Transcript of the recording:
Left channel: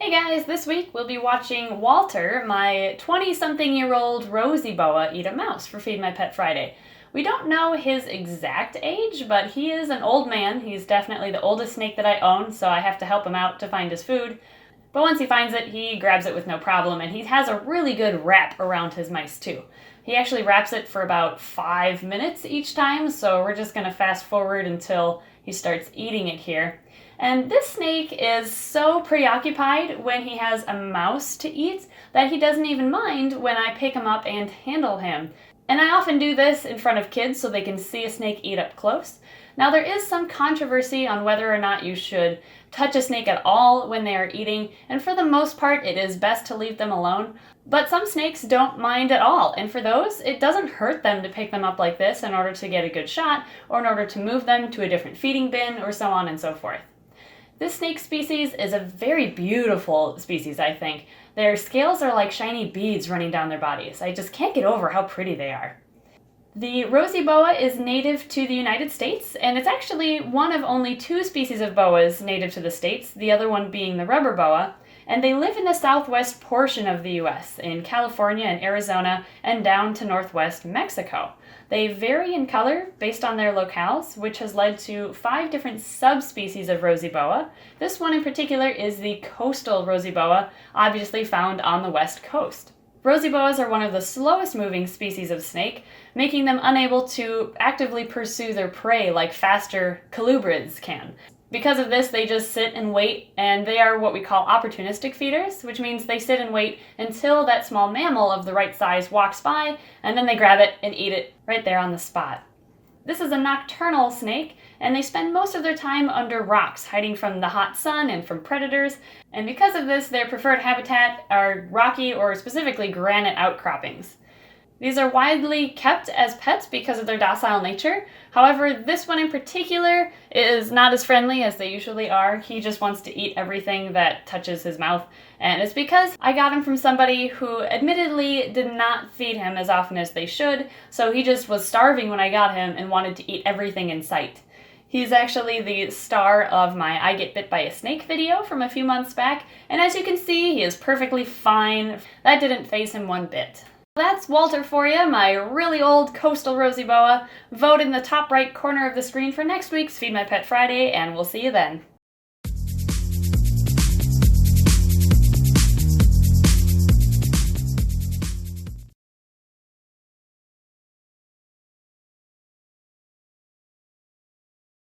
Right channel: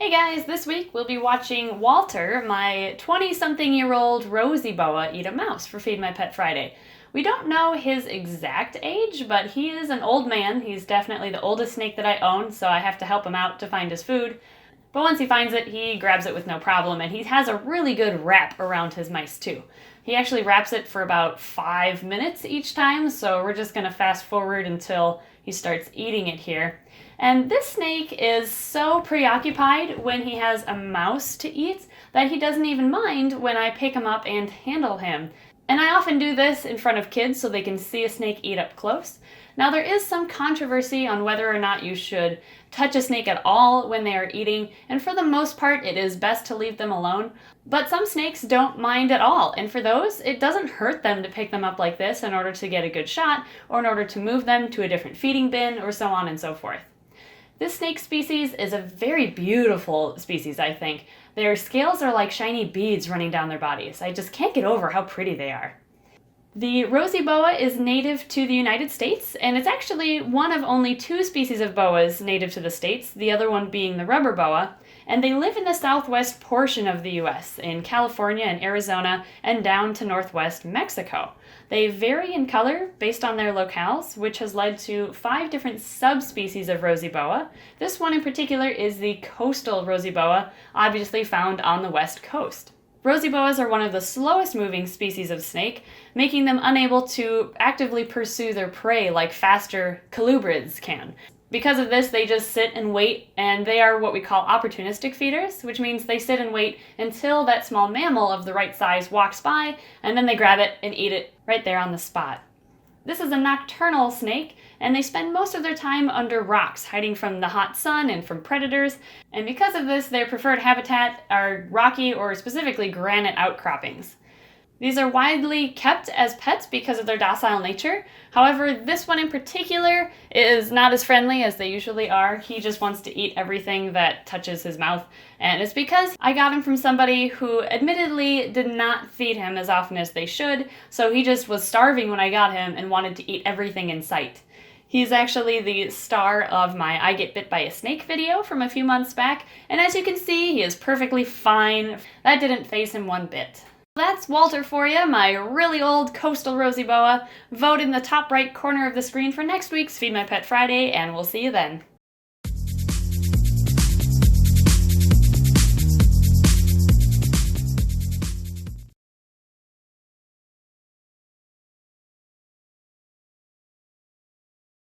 Hey guys, this week we'll be watching Walter, my 20-something-year-old Rosy Boa, eat a mouse for Feed My Pet Friday. We don't know his exact age, but he is an old man. He's definitely the oldest snake that I own, so I have to help him out to find his food. But once he finds it, he grabs it with no problem, and he has a really good wrap around his mice too. He actually wraps it for about 5 minutes each time, so we're just gonna fast forward until he starts eating it here. And this snake is so preoccupied when he has a mouse to eat that he doesn't even mind when I pick him up and handle him. And I often do this in front of kids so they can see a snake eat up close. Now, there is some controversy on whether or not you should touch a snake at all when they are eating, and for the most part, it is best to leave them alone. But some snakes don't mind at all, and for those, it doesn't hurt them to pick them up like this in order to get a good shot, or in order to move them to a different feeding bin, or so on and so forth. This snake species is a very beautiful species, I think. Their scales are like shiny beads running down their bodies. I just can't get over how pretty they are. The Rosy Boa is native to the United States, and it's actually one of only two species of boas native to the States, the other one being the rubber boa, and they live in the southwest portion of the US, in California and Arizona, and down to northwest Mexico. They vary in color based on their locales, which has led to 5 different subspecies of Rosy Boa. This one in particular is the Coastal Rosy Boa, obviously found on the west coast. Rosy boas are one of the slowest moving species of snake, making them unable to actively pursue their prey like faster colubrids can. Because of this, they just sit and wait, and they are what we call opportunistic feeders, which means they sit and wait until that small mammal of the right size walks by, and then they grab it and eat it right there on the spot. This is a nocturnal snake, and they spend most of their time under rocks, hiding from the hot sun and from predators, and because of this, their preferred habitat are rocky or specifically granite outcroppings. These are widely kept as pets because of their docile nature. However, this one in particular is not as friendly as they usually are. He just wants to eat everything that touches his mouth. And it's because I got him from somebody who admittedly did not feed him as often as they should. So he just was starving when I got him and wanted to eat everything in sight. He's actually the star of my I Get Bit by a Snake video from a few months back. And as you can see, he is perfectly fine. That didn't faze him one bit. That's Walter for you, my really old Coastal Rosy Boa. Vote in the top right corner of the screen for next week's Feed My Pet Friday, and we'll see you then.